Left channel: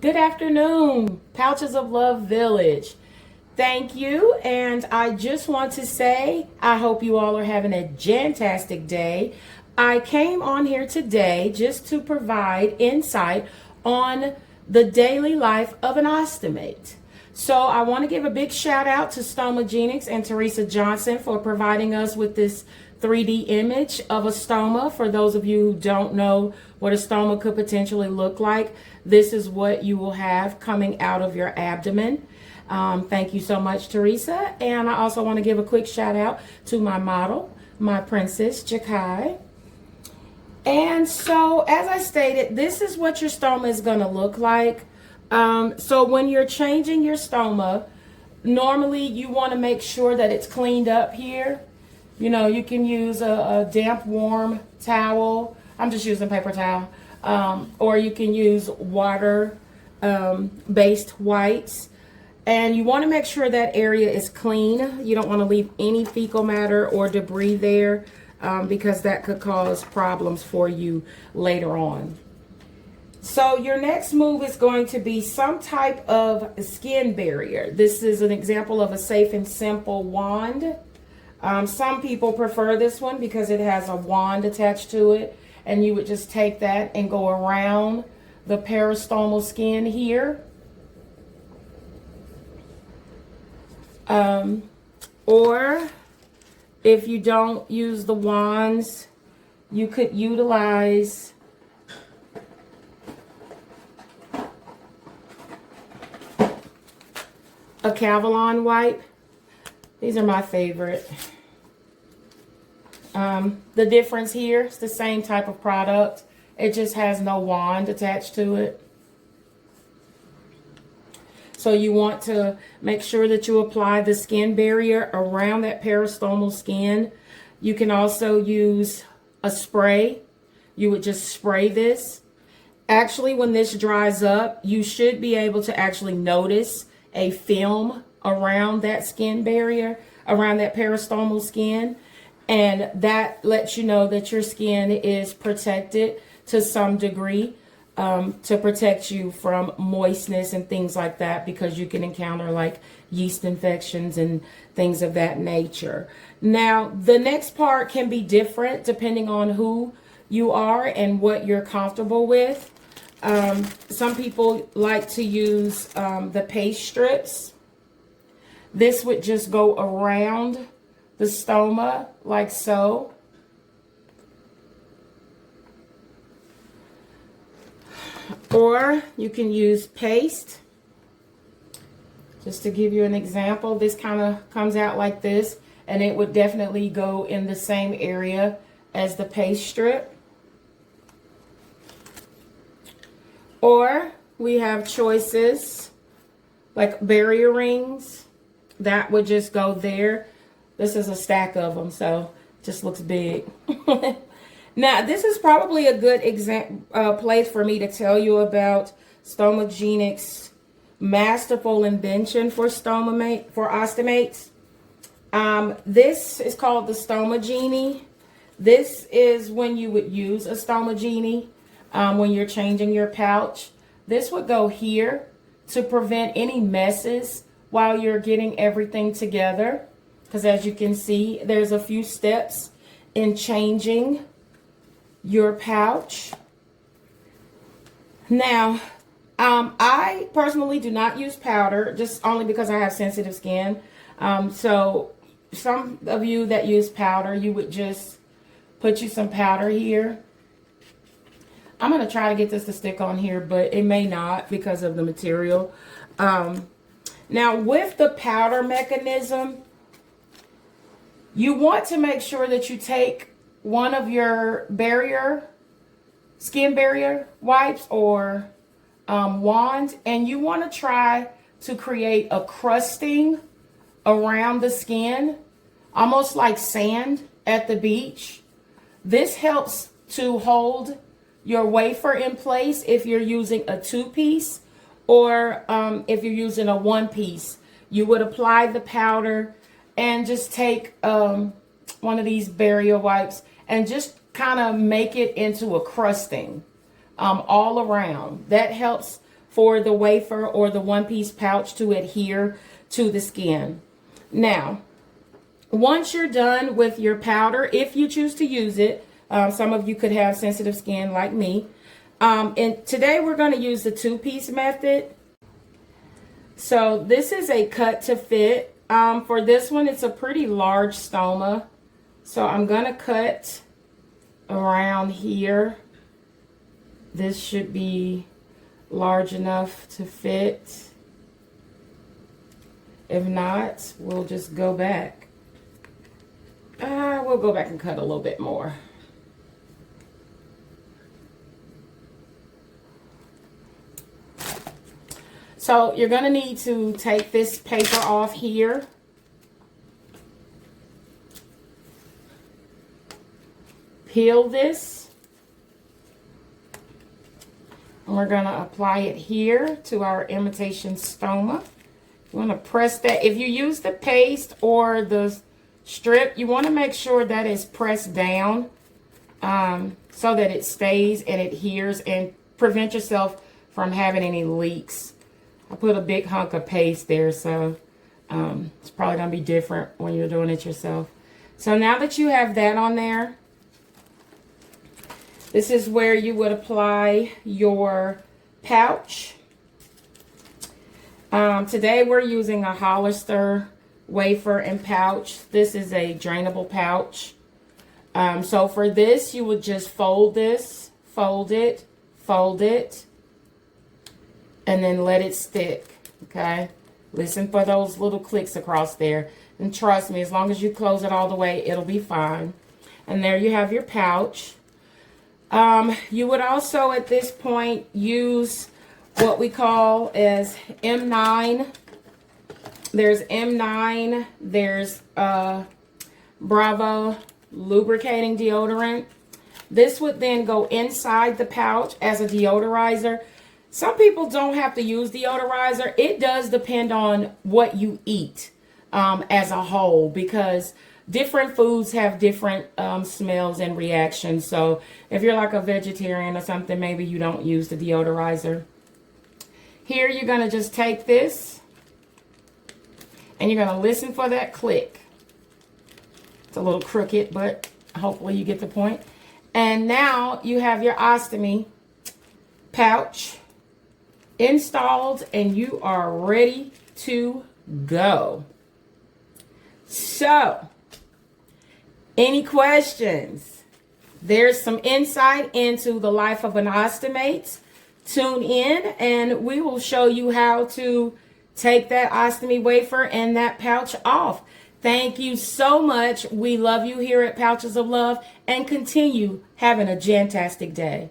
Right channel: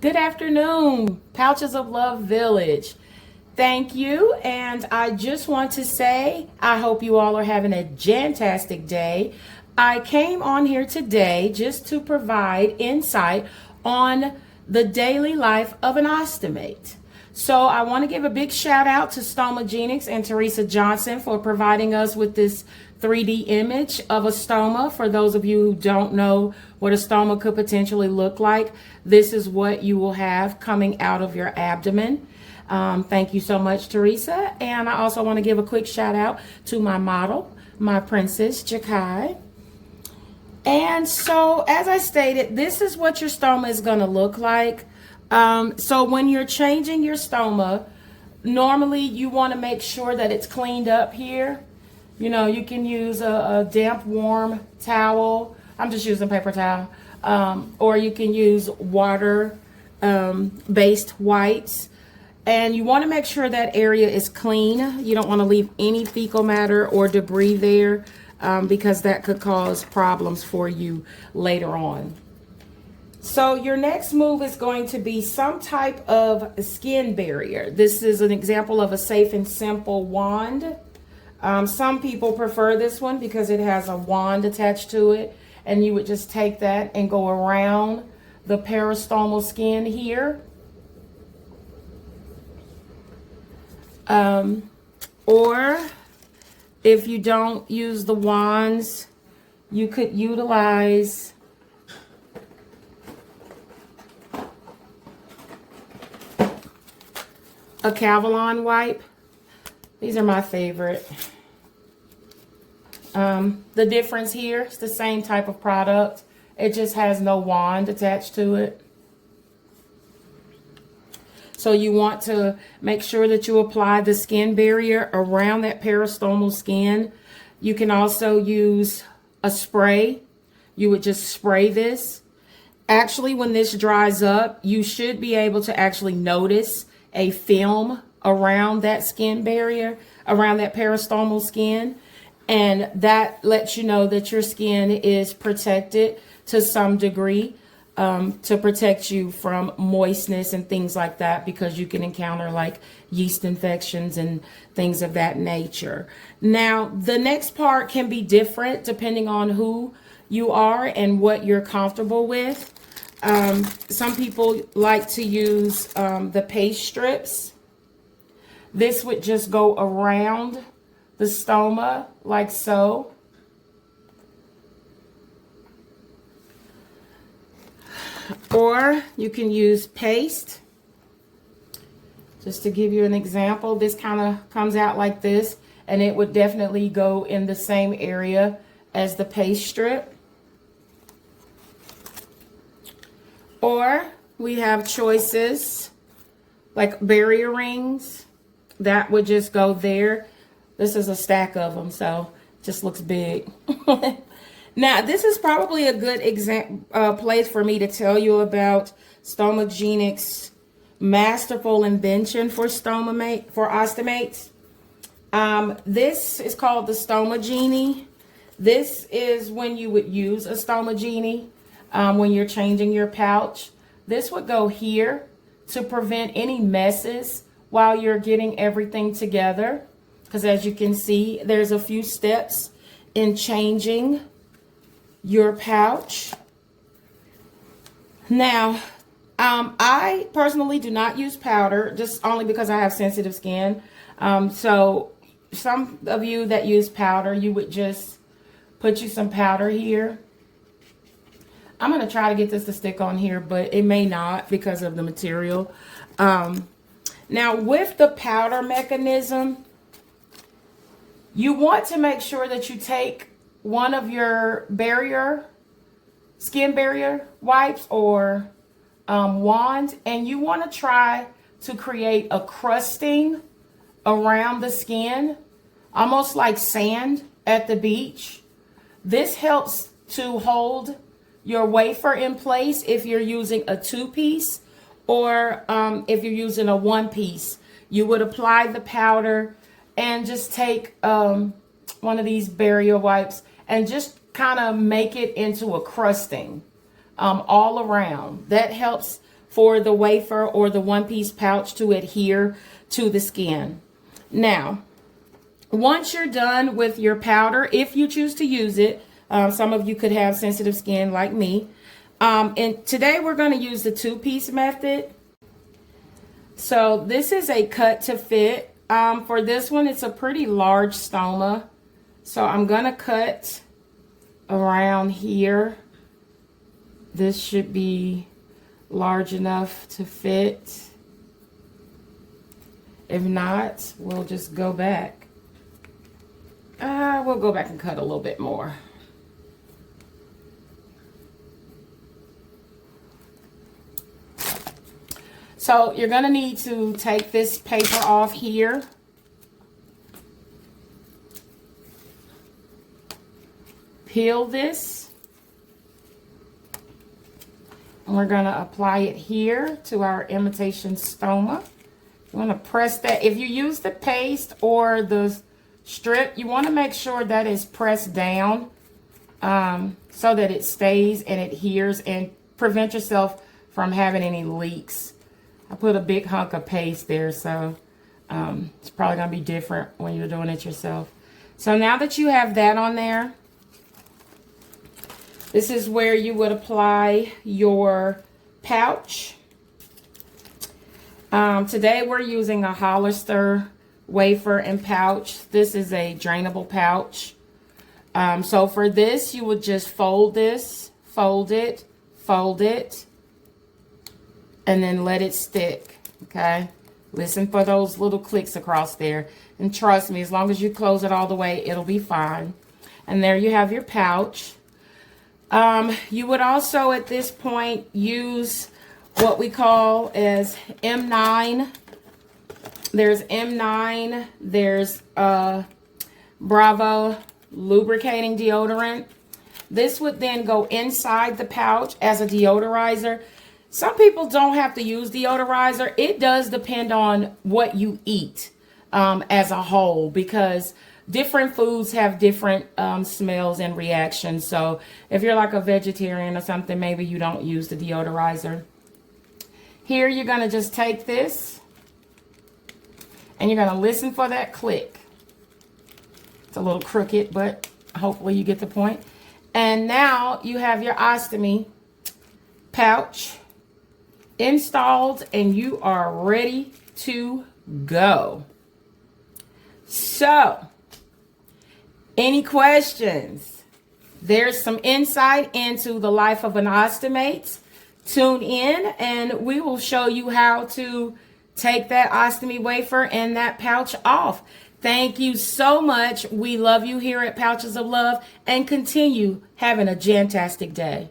Good afternoon, Pouches of Love Village. Thank you, and I just want to say I hope you all are having a fantastic day. I came on here today just to provide insight on the daily life of an ostomate. So I want to give a big shout out to Stomagenics and Teresa Johnson for providing us with this 3D image of a stoma. For those of you who don't know what a stoma could potentially look like, this is what you will have coming out of your abdomen. Thank you so much, Teresa. And I also want to give a quick shout out to my model, my princess, Jakai. And so, as I stated, this is what your stoma is going to look like. So when you're changing your stoma, normally you want to make sure that it's cleaned up here. You know, you can use a damp, warm towel. I'm just using paper towel. Or you can use water based wipes. And you want to make sure that area is clean. You don't want to leave any fecal matter or debris there because that could cause problems for you later on. So your next move is going to be some type of skin barrier. This is an example of a safe and simple wand. Some people prefer this one because it has a wand attached to it, and you would just take that and go around the peristomal skin here. Or if you don't use the wands, you could utilize a Cavalon wipe. These are my favorite. The difference here, it's the same type of product. It just has no wand attached to it. So you want to make sure that you apply the skin barrier around that peristomal skin. You can also use a spray. You would just spray this. Actually, when this dries up, you should be able to actually notice a film around that skin barrier, around that peristomal skin. And that lets you know that your skin is protected to some degree to protect you from moistness and things like that, because you can encounter like yeast infections and things of that nature. Now, the next part can be different depending on who you are and what you're comfortable with. Some people like to use the paste strips. This would just go around the stoma like so. Or you can use paste. Just to give you an example, this kind of comes out like this, and it would definitely go in the same area as the paste strip. Or we have choices like barrier rings. That would just go there. This is a stack of them, so it just looks big. Now, this is probably a good place for me to tell you about Stomagenics' masterful invention for ostomates. This is called the Stomagenie. This is when you would use a Stomagenie when you're changing your pouch. This would go here to prevent any messes while you're getting everything together. Because as you can see, there's a few steps in changing your pouch. Now, I personally do not use powder, just only because I have sensitive skin. So some of you that use powder, you would just put you some powder here. I'm going to try to get this to stick on here, but it may not because of the material. Now, with the powder mechanism, you want to make sure that you take one of your skin barrier wipes or wand, and you want to try to create a crusting around the skin, almost like sand at the beach. This helps to hold your wafer in place if you're using a 2-piece, or if you're using a 1-piece. You would apply the powder and just take one of these barrier wipes and just kind of make it into a crusting all around. That helps for the wafer or the one-piece pouch to adhere to the skin. Now, once you're done with your powder, if you choose to use it, some of you could have sensitive skin like me. And today we're going to use the two-piece method. So this is a cut to fit. For this one, it's a pretty large stoma. So I'm going to cut around here. This should be large enough to fit. If not, we'll just go back. We'll go back and cut a little bit more. So you're going to need to take this paper off here. Peel this. And we're going to apply it here to our imitation stoma. You want to press that. If you use the paste or the strip, you want to make sure that it's pressed down so that it stays and adheres, and prevent yourself from having any leaks. I put a big hunk of paste there, so it's probably going to be different when you're doing it yourself. So now that you have that on there, this is where you would apply your pouch. Today we're using a Hollister wafer and pouch. This is a drainable pouch. So for this, you would just fold this, fold it, and then let it stick, okay? Listen for those little clicks across there. And trust me, as long as you close it all the way, it'll be fine. And there you have your pouch. You would also, at this point, use what we call as M9. There's M9, there's Bravo lubricating deodorant. This would then go inside the pouch as a deodorizer. Some people don't have to use deodorizer. It does depend on what you eat as a whole, because different foods have different smells and reactions. So if you're like a vegetarian or something, maybe you don't use the deodorizer. Here you're going to just take this and you're going to listen for that click. It's a little crooked, but hopefully you get the point. And now you have your Ostomy pouch installed and you are ready to go. So, any questions? There's some insight into the life of an ostomate. Tune in and we will show you how to take that ostomy wafer and that pouch off. Thank you so much. We love you here at Pouches of Love, and continue having a jantastic day.